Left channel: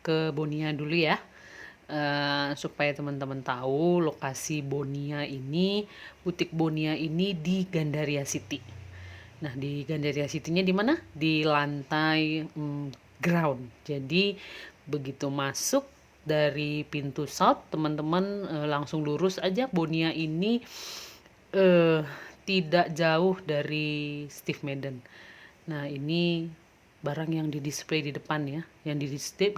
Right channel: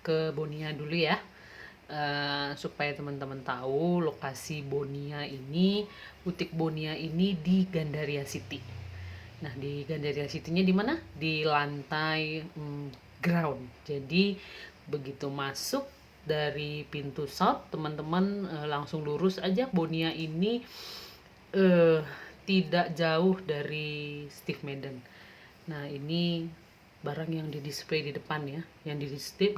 ke Bonia dulu ya. Supaya teman-teman tahu lokasi Bonia ini, butik Bonia ini di Gandaria City. Nah, di Gandaria City-nya di mana? Di lantai ground. Jadi begitu masuk dari pintu south, teman-teman langsung lurus aja. Bonia ini eh, tidak jauh dari Steve Madden. Nah, ini barang yang di-display di depan ya. Yang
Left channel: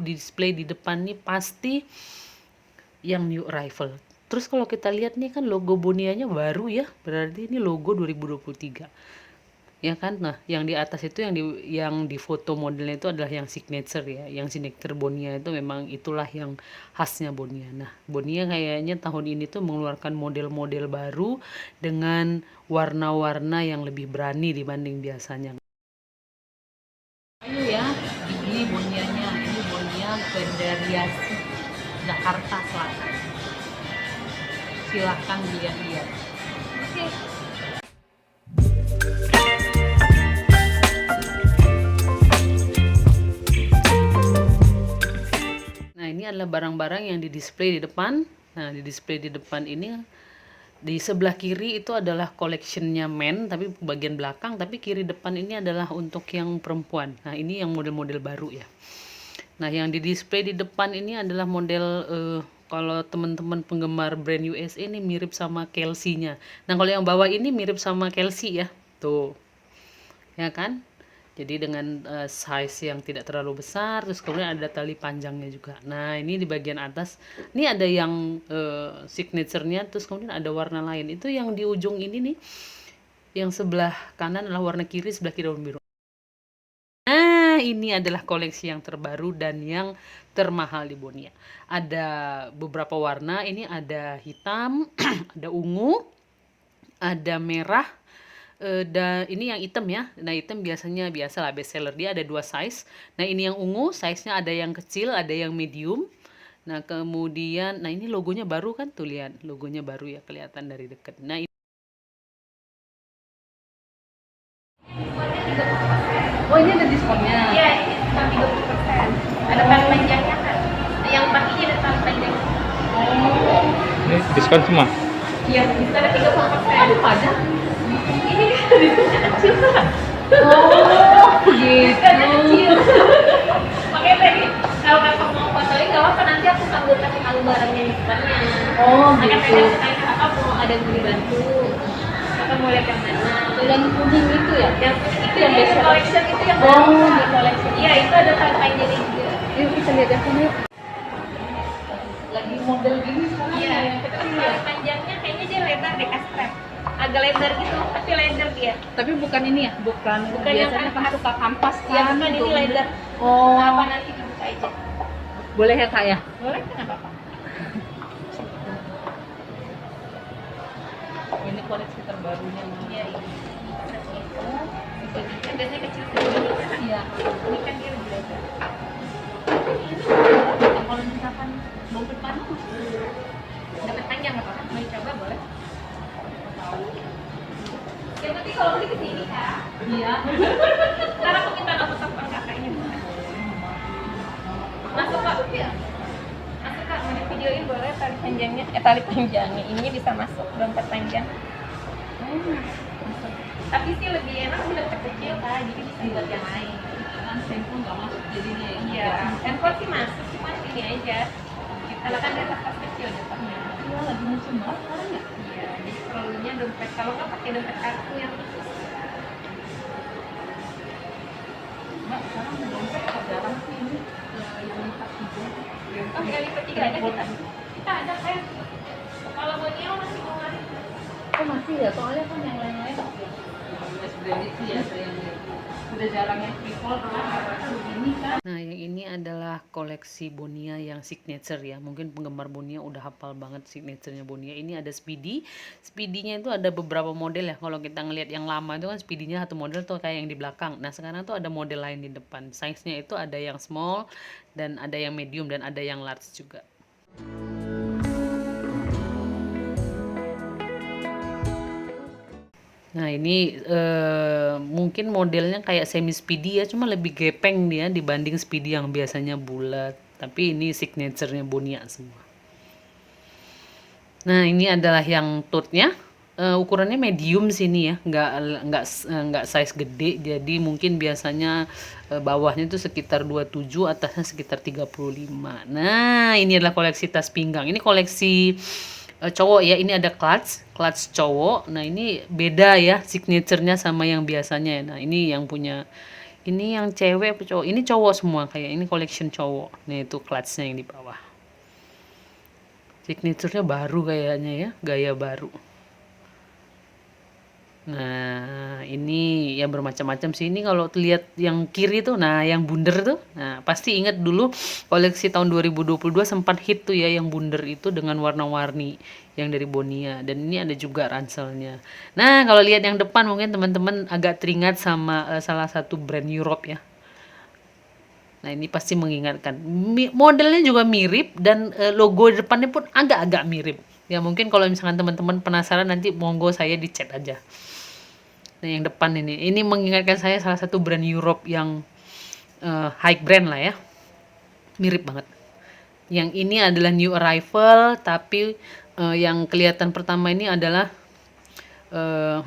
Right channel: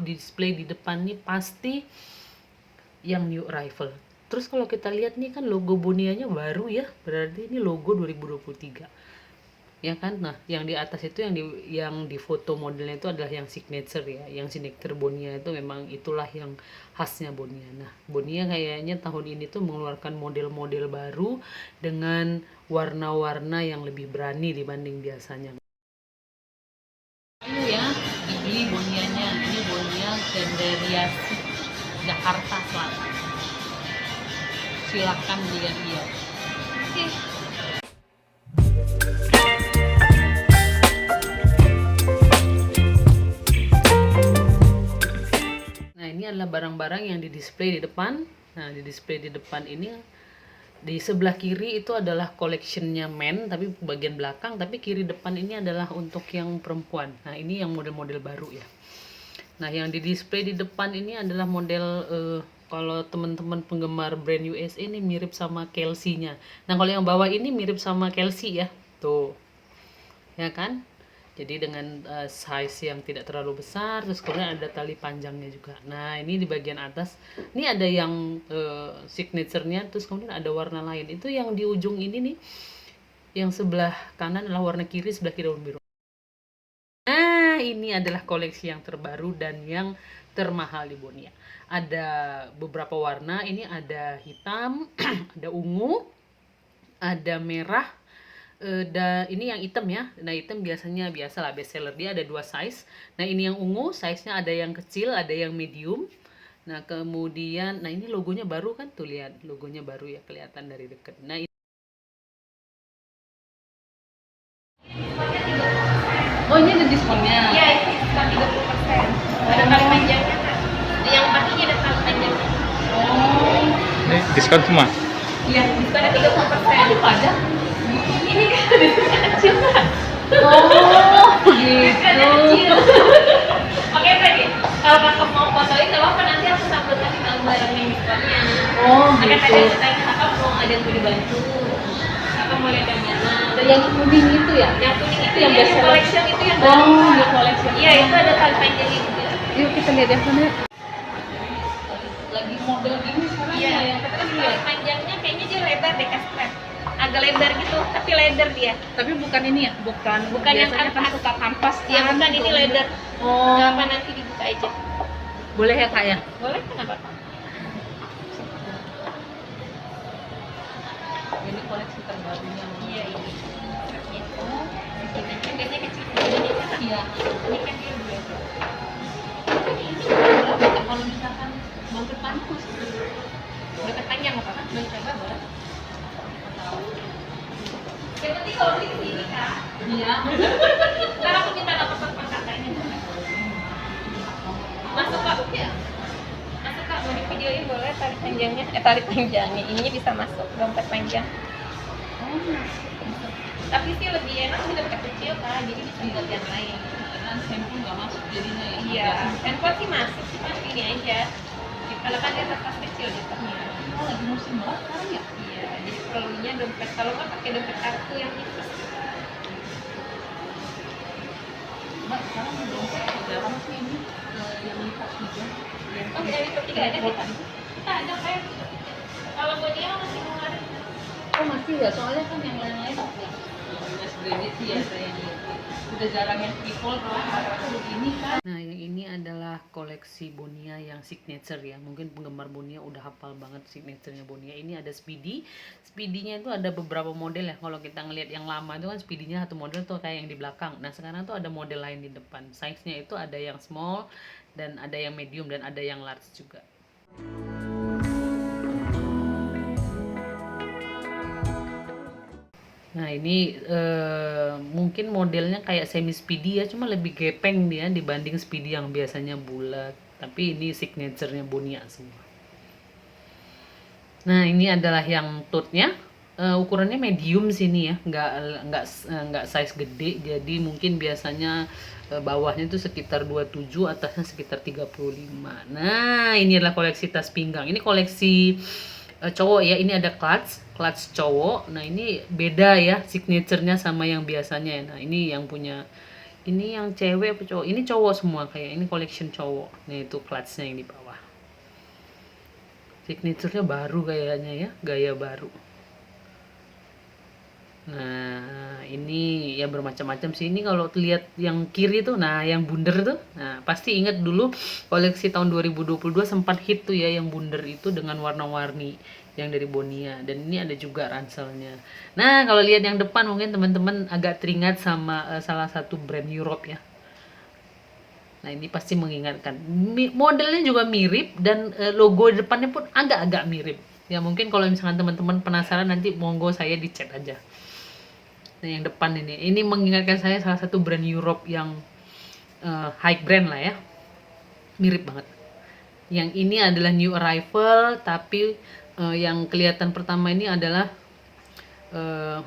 di-display di depan nih pasti yang new arrival. Terus kalau kita lihat nih kan logo Bonianya baru ya. Berarti ini logo 2023. Ya kan? Nah, yang di atas itu yang di foto modelnya itu adalah yang signature ya. Yang signature Bonia itu memang itulah yang khasnya Bonia. Nah, Bonia kayaknya tahun ini tuh mengeluarkan model-model baru dengan warna-warna yang lebih berani dibanding biasanya. Ayo ya, dibeli Bonianya. Ini Bonia Gandaria Jakarta Selatan. Silahkan lihat-lihat. Oke. Nah, ini adalah barang-barang yang di-display di depan. Nah, di-display di depan ini di sebelah kiri itu adalah collectionnya men, tapi bagian belakang, tapi kiri depan ini adalah untuk yang perempuan. Nah, ini yang model-model baru ya. Nah, yang di-display di depan ini adalah model kalau teman-teman penggemar brand USA ini mirip sama Kelsey-nya. Nah, kalau yang bawah ini mirip sama Kelsey ya. Tuh, ya kan? Jadi dengan size yang tidak terlalu besar, terus kemudian ada tali panjangnya juga. Nah, ini di bagian atas, ini ada yang signaturenya, terus kemudian ada warna lain. Itu yang di ujung ini nih, yang sebelah kanan adalah warna kiri, sebelah kiri warna biru. Nah, ini adalah koleksi yang terbaru dan yang termahal di Bonia. Ada beberapa warna, ini ada hitam, ada ungu, ada merah, dan ini yang hitam ya. Nah, hitam biasanya biasalah best seller, dia ada dua size. Nah, ini yang ungu, size-nya ada yang kecil, ada yang medium. Nah, kemudian, nah ini logonya baru kan, tuh lihat, logonya baru ya, kelihatan dari dekat. Nah, oh ini ada diskonnya. Iya, ini diskon 30%. Ada tali panjangnya kan? Yang pakai ada tali panjangnya. Ini diskon semua. Iya, diskonnya 30%. Aduh, ada. Ini kan diskonnya kecil kan? Oh, Diskonnya kecil. gitu. Makanya tadi kalau kakak mau fotoin nggak apa-apa, nanti aku sambil kasih tahu barang yang diskonnya. Oh, Makanya tadi gitu. aku tanya kakak mau ada yang mau dibantu. Kakak mau lihat yang mana? Yang kuning itu ya? Yang kuning itu Yang yang best seller. collection itu yang Oh, baru. yang collection. Iya, itu ada tali panjangnya juga. Yuk kita lihat yang sana. Lagi model gini sekarang Iya, ya, yang terus kecil tali ya. panjangnya kayaknya dia lebar deh, strap. Agak lebar gitu, tapi lebar dia. Tapi bukan ini ya, bukan Yang biasanya kan kanvas. suka kampas Iya, kan, bukan ini gitu. lebar. Oh, Nggak apa, nanti dibuka aja. boleh ya kak ya? Boleh, kenapa? Ini koleksi terbarunya. Iya, ini strapnya. Oh, di sini kan biasanya kecil segini kan. Iya. Ini kan dia lebih lebar. Ini berapa kak kalau misalkan dompet panjang masih Dapat panjang apa kan? Mau dicoba boleh. tahu? Yang penting kalau beli ke sini kak. Iya. Karena aku minta nomor telepon kakak ini. Masuk kak. ya? Masuk kak, mau di videoin boleh tali panjangnya? Tali panjangnya, ininya bisa masuk dompet panjang. Oh, Tapi sih lebih enak di dompet kecil kak, jadi bisa buat yang lain. kan handphone nggak masuk jadinya ya? Iya, handphone sih masuk, cuma ini aja. Kalau kan dia tas kecil jatuhnya. Iya, lagi musim banget sekarang ya? Iya, jadi perlunya dompet. Kalau nggak pakai dompet kartu yang itu. Mbak, sekarang dompet jarang sih ini yang lipat juga. Oh, yang lipat tiga ada kita. Kita ada kayak. Kalau buat dia masih ngeluarin. Oh masih ya, soalnya kan yang lain-lain Mas Branded sih ya, saya yang udah jarang yang people rata-rata begini kan. Nah, yang ini adalah koleksi Bonia yang signature ya. Mungkin penggemar Bonia udah hafal banget signaturenya Bonia. Ini ada Speedy. Speedy-nya itu ada beberapa model ya. Kalau kita ngelihat yang lama itu kan Speedy-nya satu model tuh kayak yang di belakang. Nah, sekarang tuh ada model lain di depan. Size-nya itu ada yang small dan ada yang medium dan ada yang large juga. Nah ini mungkin modelnya kayak semi speedy ya, cuma lebih gepeng dia dibanding speedy yang biasanya bulat. Tapi ini signaturenya Bonia semua. Nah ini adalah yang tote-nya. Ukurannya medium sini ya, nggak size gede. Jadi mungkin biasanya bawahnya itu sekitar 27, atasnya sekitar 35. Nah ini adalah koleksi tas pinggang. Ini koleksi cowok ya, ini ada clutch cowok. Nah ini beda ya signaturenya sama yang biasanya ya. Nah ini yang punya, ini yang cewek apa cowok, ini cowok semua, kayak ini collection cowok. Nah itu clutchnya yang di bawah, signaturenya baru kayaknya ya, gaya baru. Nah ini yang bermacam-macam sih. Ini kalau lihat yang kiri tuh, nah yang bundar tuh, nah pasti ingat dulu koleksi tahun 2022 sempat hit tuh ya yang bundar itu dengan warna-warni yang dari Bonia. Dan ini ada juga ranselnya. Nah kalau lihat yang depan mungkin teman-teman agak teringat sama salah satu brand Europe ya. Nah ini pasti mengingatkan. Modelnya juga mirip dan logo depannya pun agak-agak mirip. Ya mungkin kalau misalkan teman-teman penasaran nanti monggo saya di chat aja. Nah yang depan ini mengingatkan saya salah satu brand Europe yang high brand lah ya, mirip banget. Yang ini adalah new arrival, tapi yang kelihatan pertama ini adalah uh,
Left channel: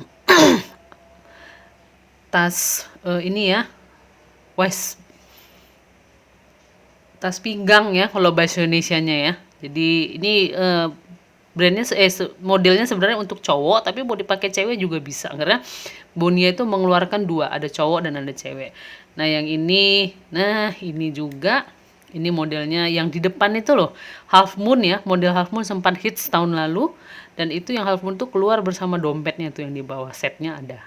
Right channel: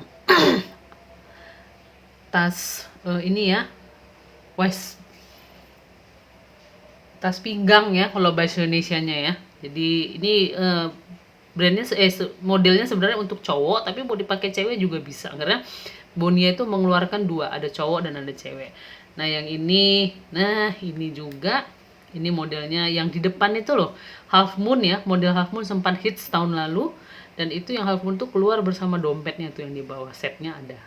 tas ini ya, waist, tas pinggang ya kalau bahasa Indonesianya ya. Jadi ini brandnya modelnya sebenarnya untuk cowok, tapi mau dipakai cewek juga bisa karena Bonia itu mengeluarkan dua, ada cowok dan ada cewek. Nah yang ini, nah ini juga, ini modelnya yang di depan itu loh, half moon ya, model half moon sempat hits tahun lalu. Dan itu yang half moon tuh keluar bersama dompetnya tuh yang di bawah, setnya ada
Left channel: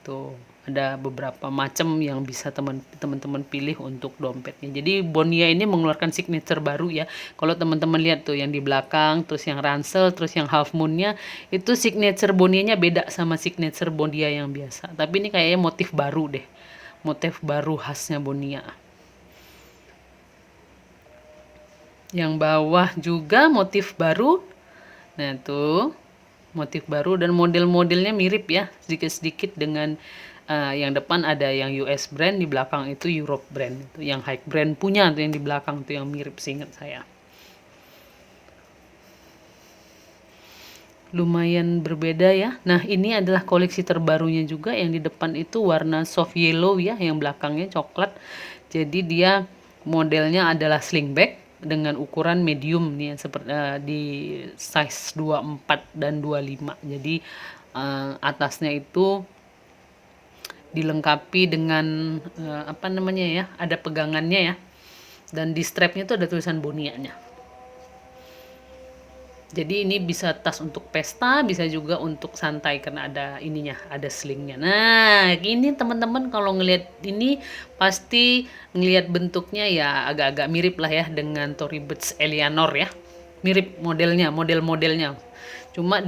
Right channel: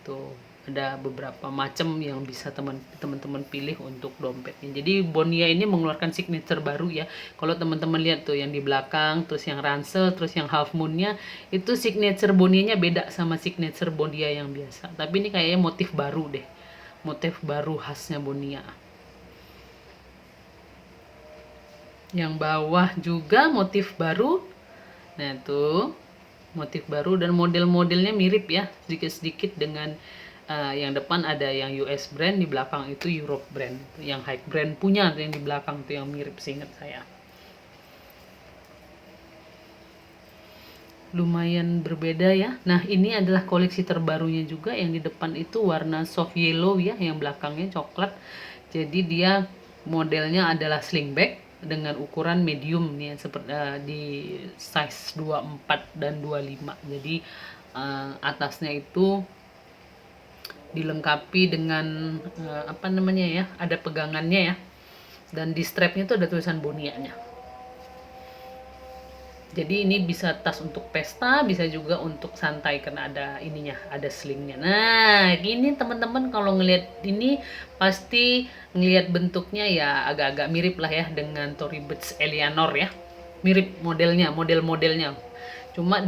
tuh, ada beberapa macam yang bisa teman-teman pilih untuk dompetnya. Jadi Bonia ini mengeluarkan signature baru ya. Kalau teman-teman lihat tuh yang di belakang, terus yang ransel, terus yang half moonnya, itu signature Bonianya beda sama signature Bonia yang biasa. Tapi ini kayaknya motif baru deh, motif baru khasnya Bonia. Yang bawah juga motif baru. Nah tuh motif baru dan model-modelnya mirip ya, sedikit-sedikit dengan yang depan ada yang US brand, di belakang itu Europe brand, itu yang high brand punya tuh yang di belakang tuh yang mirip seingat saya. Lumayan berbeda ya. Nah ini adalah koleksi terbarunya juga, yang di depan itu warna soft yellow ya, yang belakangnya coklat. Jadi dia modelnya adalah slingback dengan ukuran medium nih, seperti di size 24 dan 25. Jadi atasnya itu dilengkapi dengan apa namanya ya, ada pegangannya ya, dan di strapnya tuh ada tulisan Bonianya. Jadi ini bisa tas untuk pesta, bisa juga untuk santai karena ada ininya, ada slingnya. Nah ini teman-teman kalau ngelihat ini pasti ngelihat bentuknya ya agak-agak mirip lah ya dengan Tory Burch Eleanor ya, mirip modelnya, model-modelnya. Cuma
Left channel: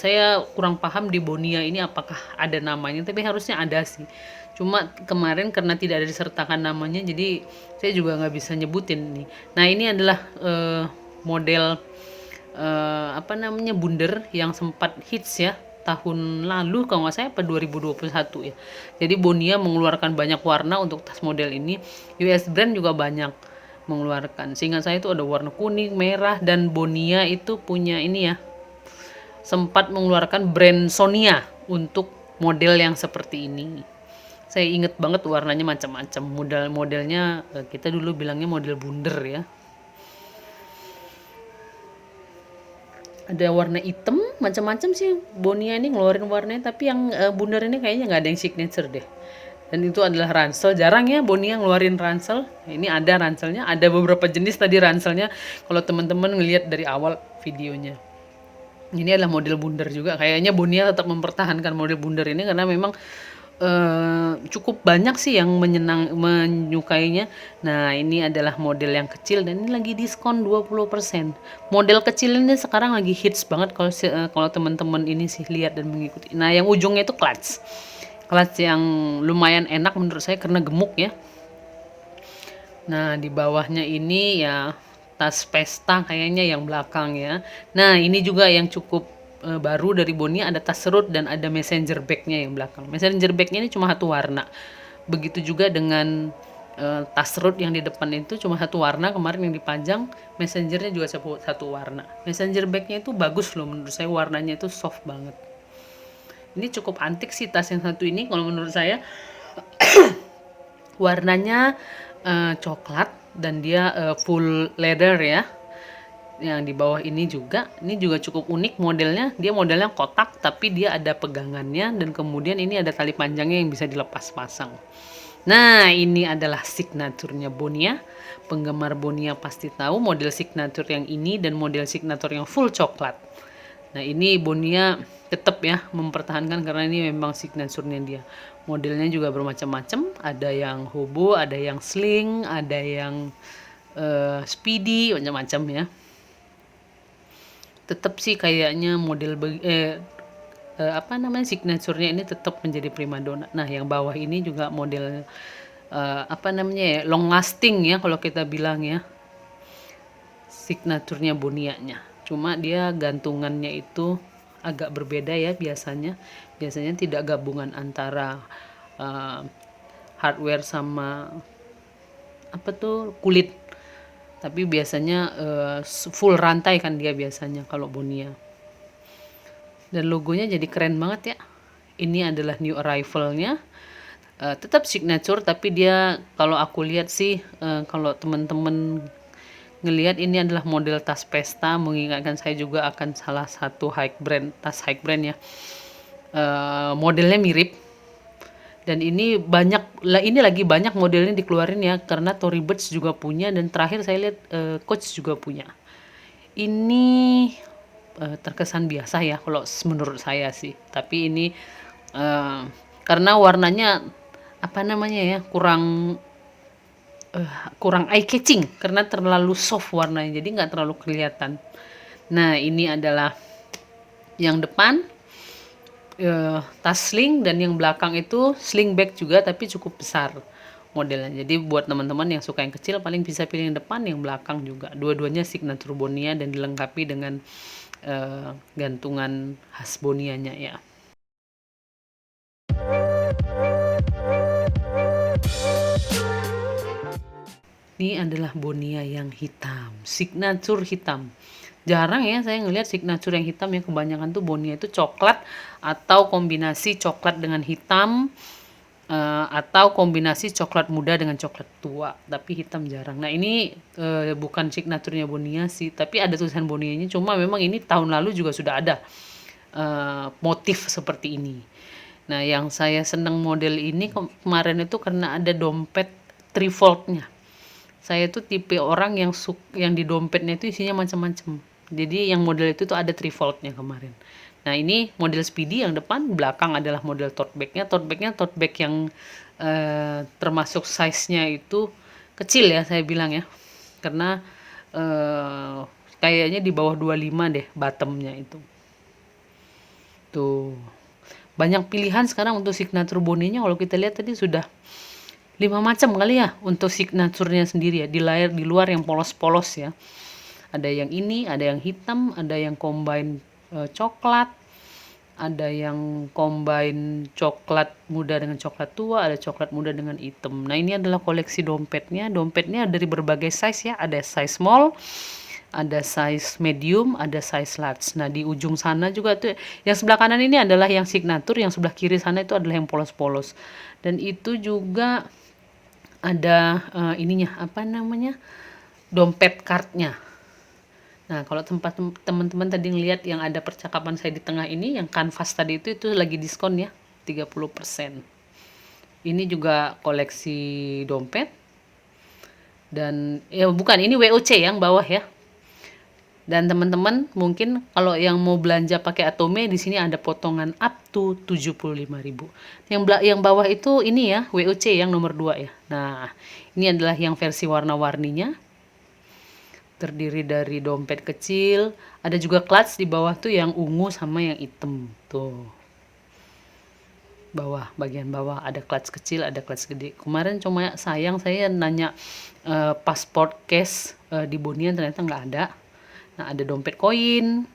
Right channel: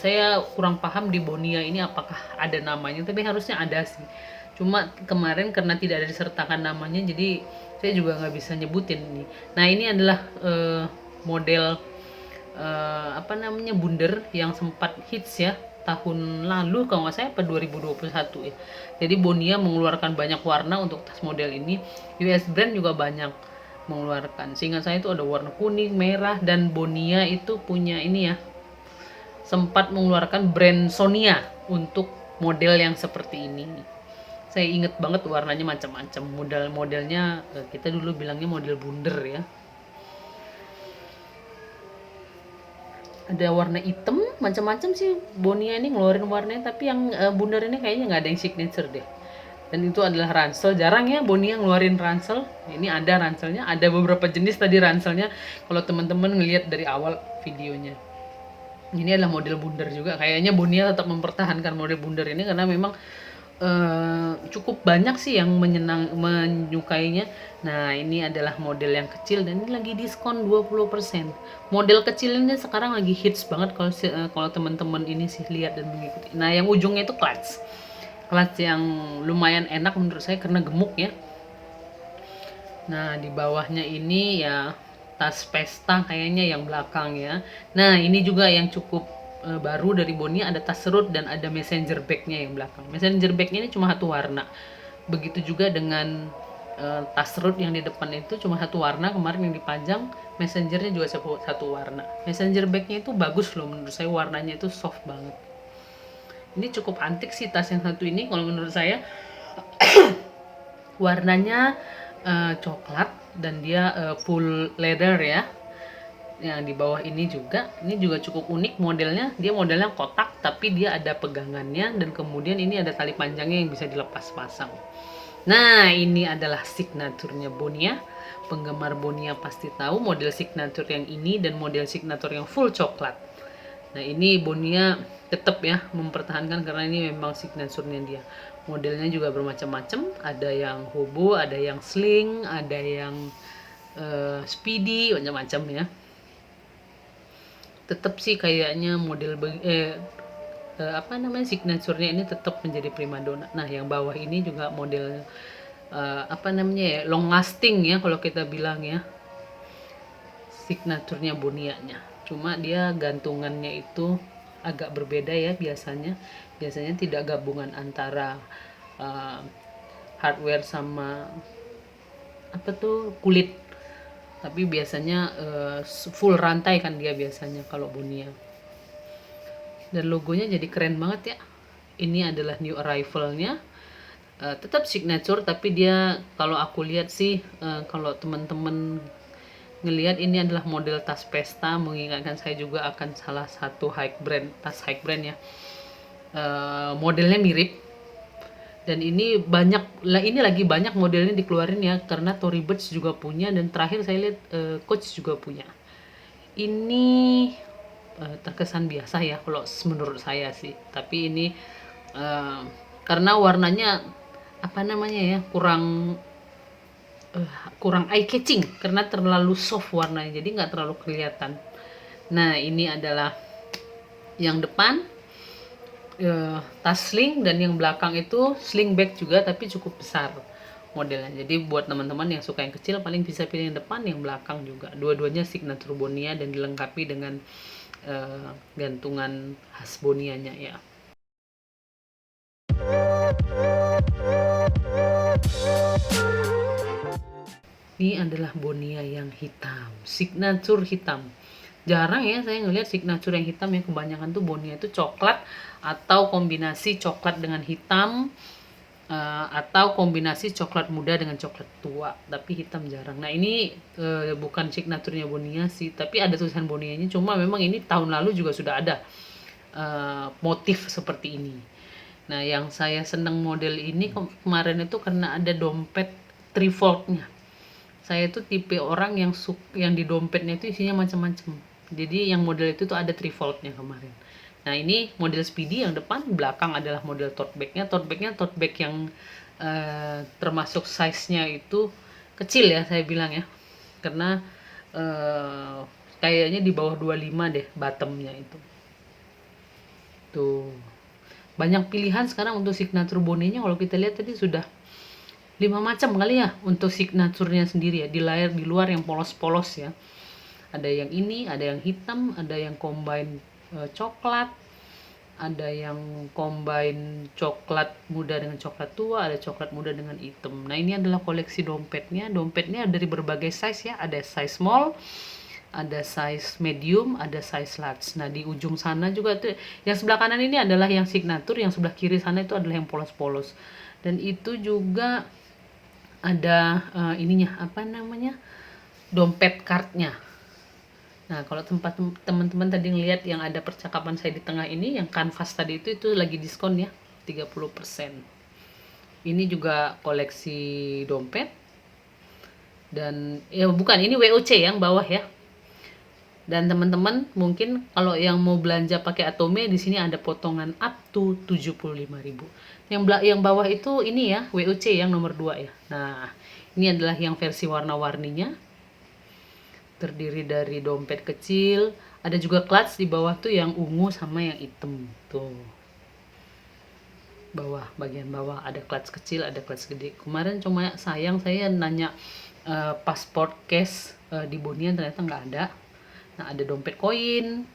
saya kurang paham di Bonia ini apakah ada namanya, tapi harusnya ada sih. Cuma kemarin karena tidak ada disertakan namanya, jadi saya juga nggak bisa nyebutin nih. Nah ini adalah model apa namanya, bundar yang sempat hits ya tahun lalu kalau nggak saya, apa 2021 ya. Jadi Bonia mengeluarkan banyak warna untuk tas model ini. US brand juga banyak mengeluarkan. Seingat saya itu ada warna kuning, merah, dan Bonia itu punya ini ya, sempat mengeluarkan brand Sonia untuk model yang seperti ini. Saya inget banget warnanya macam-macam, model-modelnya kita dulu bilangnya model bundar ya. Ada warna hitam, macam-macam sih Bonia ini ngeluarin warnanya, tapi yang bundar ini kayaknya nggak ada yang signature deh. Dan itu adalah ransel, jarang ya Bonia ngeluarin ransel. Ini ada ranselnya, ada beberapa jenis tadi ranselnya kalau teman-teman ngelihat dari awal videonya. Ini adalah model bundar juga. Kayaknya Bonia tetap mempertahankan model bundar ini karena memang cukup banyak sih yang menyukainya. Nah ini adalah model yang kecil dan ini lagi diskon 20%. Model kecil ini sekarang lagi hits banget kalau teman-teman ini sih lihat dan mengikuti. Nah yang ujungnya itu clutch yang lumayan enak menurut saya karena gemuk ya. Nah di bawahnya ini ya tas pesta kayaknya yang belakang ya. Nah ini juga yang cukup baru dari Bonia, ada tas serut dan ada messenger bag-nya yang belakang. Messenger bag-nya ini cuma satu warna. Begitu juga dengan tas serut yang di depan itu cuma satu warna, kemarin yang dipajang. Messengernya juga satu warna. Messenger bag-nya itu bagus loh menurut saya, warnanya itu soft banget. Ini cukup antik sih tas yang satu ini kalau menurut saya. Warnanya coklat dan dia full leather ya. Yang di bawah ini juga cukup unik modelnya. Dia modelnya kotak tapi dia ada pegangannya, dan kemudian ini ada tali panjangnya yang bisa dilepas pasang. Nah, ini adalah signaturnya Bonia. Penggemar Bonia pasti tahu model signature yang ini dan model signature yang full coklat. Nah, ini Bonia tetap ya mempertahankan karena ini memang signaturenya dia. Modelnya juga bermacam-macam, ada yang hobo, ada yang sling, ada yang speedy, macam-macam ya. Tetap sih kayaknya model signaturenya ini tetap menjadi primadona. Nah, yang bawah ini juga model long lasting ya kalau kita bilang ya. Signaturnya Bonianya. Cuma dia gantungannya itu agak berbeda ya biasanya. Biasanya tidak gabungan antara hardware sama kulit. Tapi biasanya full rantai kan dia biasanya kalau Bonia. Dan logonya jadi keren banget ya. Ini adalah new arrival-nya. Tetap signature tapi dia kalau aku lihat sih kalau teman-teman ngelihat ini adalah model tas pesta, mengingatkan saya juga akan salah satu tas high brand ya. Modelnya mirip. Dan ini lagi banyak modelnya dikeluarin ya, karena Tory Burch juga punya, dan terakhir saya lihat Coach juga punya. Ini terkesan biasa ya kalau menurut saya sih, tapi ini karena warnanya kurang eye catching karena terlalu soft warnanya, jadi nggak terlalu kelihatan. Nah, ini adalah yang depan tas sling, dan yang belakang itu sling bag juga tapi cukup besar modelnya. Jadi buat teman-teman yang suka yang kecil paling bisa pilih yang depan, yang belakang juga. Dua-duanya signature Bonia dan dilengkapi dengan gantungan khas Bonianya ya. Ini adalah Bonia yang hitam, signature hitam. Jarang ya saya ngelihat signature yang hitam ya, kebanyakan tuh Bonia itu coklat atau kombinasi coklat dengan hitam atau kombinasi coklat muda dengan coklat tua, tapi hitam jarang. Nah, ini bukan signaturenya Bonia sih, tapi ada tulisan Bonianya, cuma memang ini tahun lalu juga sudah ada motif seperti ini. Nah, yang saya seneng model ini kemarin itu karena ada dompet trifold-nya. Saya tuh tipe orang yang di dompetnya itu isinya macam-macam. Jadi yang model itu tuh ada trifold-nya kemarin. Nah, ini model speedy yang depan, belakang adalah model tote bag-nya. Tote bag yang termasuk size-nya itu kecil ya saya bilang ya. Karena kayaknya di bawah 25 deh bottom-nya itu. Tuh. Banyak pilihan sekarang untuk signature Bonianya. Kalau kita lihat tadi sudah 5 macam kali ya untuk signaturnya sendiri ya. Di luar yang polos-polos ya. Ada yang ini, ada yang hitam, ada yang combine coklat, ada yang combine coklat muda dengan coklat tua, ada coklat muda dengan hitam. Nah, ini adalah koleksi dompetnya. Dompetnya dari berbagai size ya. Ada size small, ada size medium, ada size large. Nah, di ujung sana juga tuh yang sebelah kanan ini adalah yang signature, yang sebelah kiri sana itu adalah yang polos-polos. Dan itu juga ada dompet cardnya. Nah, kalau teman-teman tadi ngelihat yang ada percakapan saya di tengah ini, yang kanvas tadi itu lagi diskon ya, 30%. Ini juga koleksi dompet. Dan ini WOC yang bawah ya. Dan teman-teman mungkin kalau yang mau belanja pakai Atome, di sini ada potongan up to 75.000. Yang bawah itu ini ya, WOC yang nomor 2 ya. Nah, ini adalah yang versi warna-warninya. Terdiri dari dompet kecil, ada juga clutch di bawah tuh yang ungu sama yang hitam tuh. Bagian bawah ada clutch kecil, ada clutch gede. Kemarin cuma sayang saya nanya passport case di Bonia, ternyata nggak ada. Nah, ada dompet koin,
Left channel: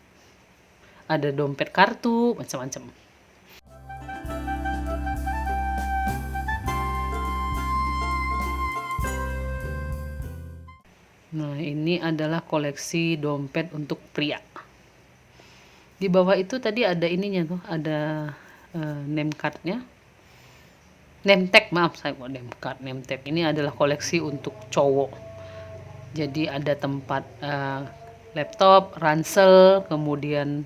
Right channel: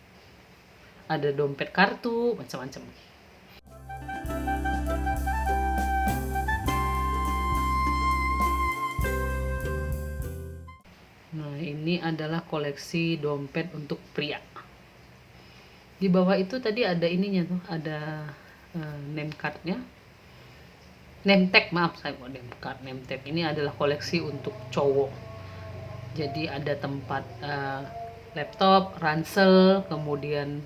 ada dompet kartu, macam-macam. Nah, ini adalah koleksi dompet untuk pria. Di bawah itu tadi ada ininya tuh, ada name cardnya. Name tag, maaf saya kok name card, name tag. Ini adalah koleksi untuk cowok. Jadi ada tempat laptop, ransel, kemudian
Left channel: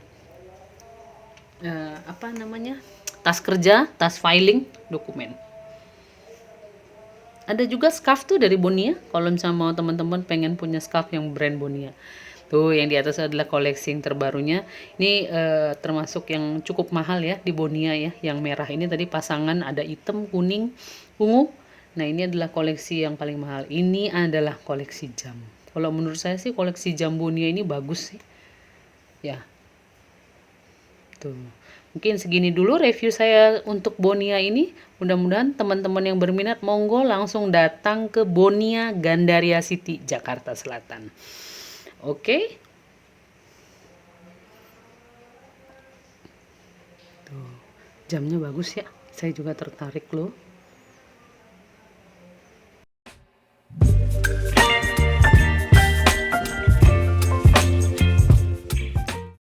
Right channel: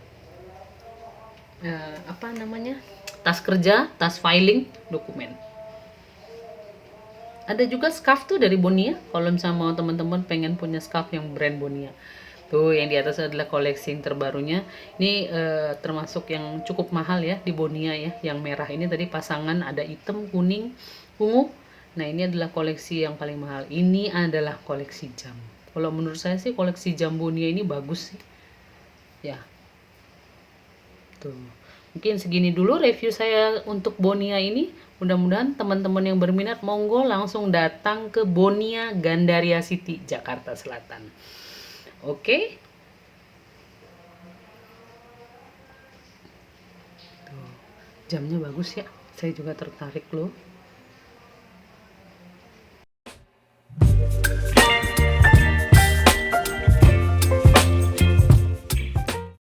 apa namanya? Tas kerja, tas filing, dokumen. Ada juga scarf tuh dari Bonia. Kalau misalnya mau teman-teman pengen punya scarf yang brand Bonia. Tuh yang di atas adalah koleksi yang terbarunya. Ini termasuk yang cukup mahal ya di Bonia ya. Yang merah ini tadi pasangan ada hitam, kuning, ungu. Nah ini adalah koleksi yang paling mahal. Ini adalah koleksi jam. Kalau menurut saya sih koleksi jam Bonia ini bagus sih. Ya. Tuh. Mungkin segini dulu review saya untuk Bonia ini. Mudah-mudahan teman-teman yang berminat monggo langsung datang ke Bonia Gandaria City, Jakarta Selatan. Oke. Tuh. Jamnya bagus ya. Saya juga tertarik loh.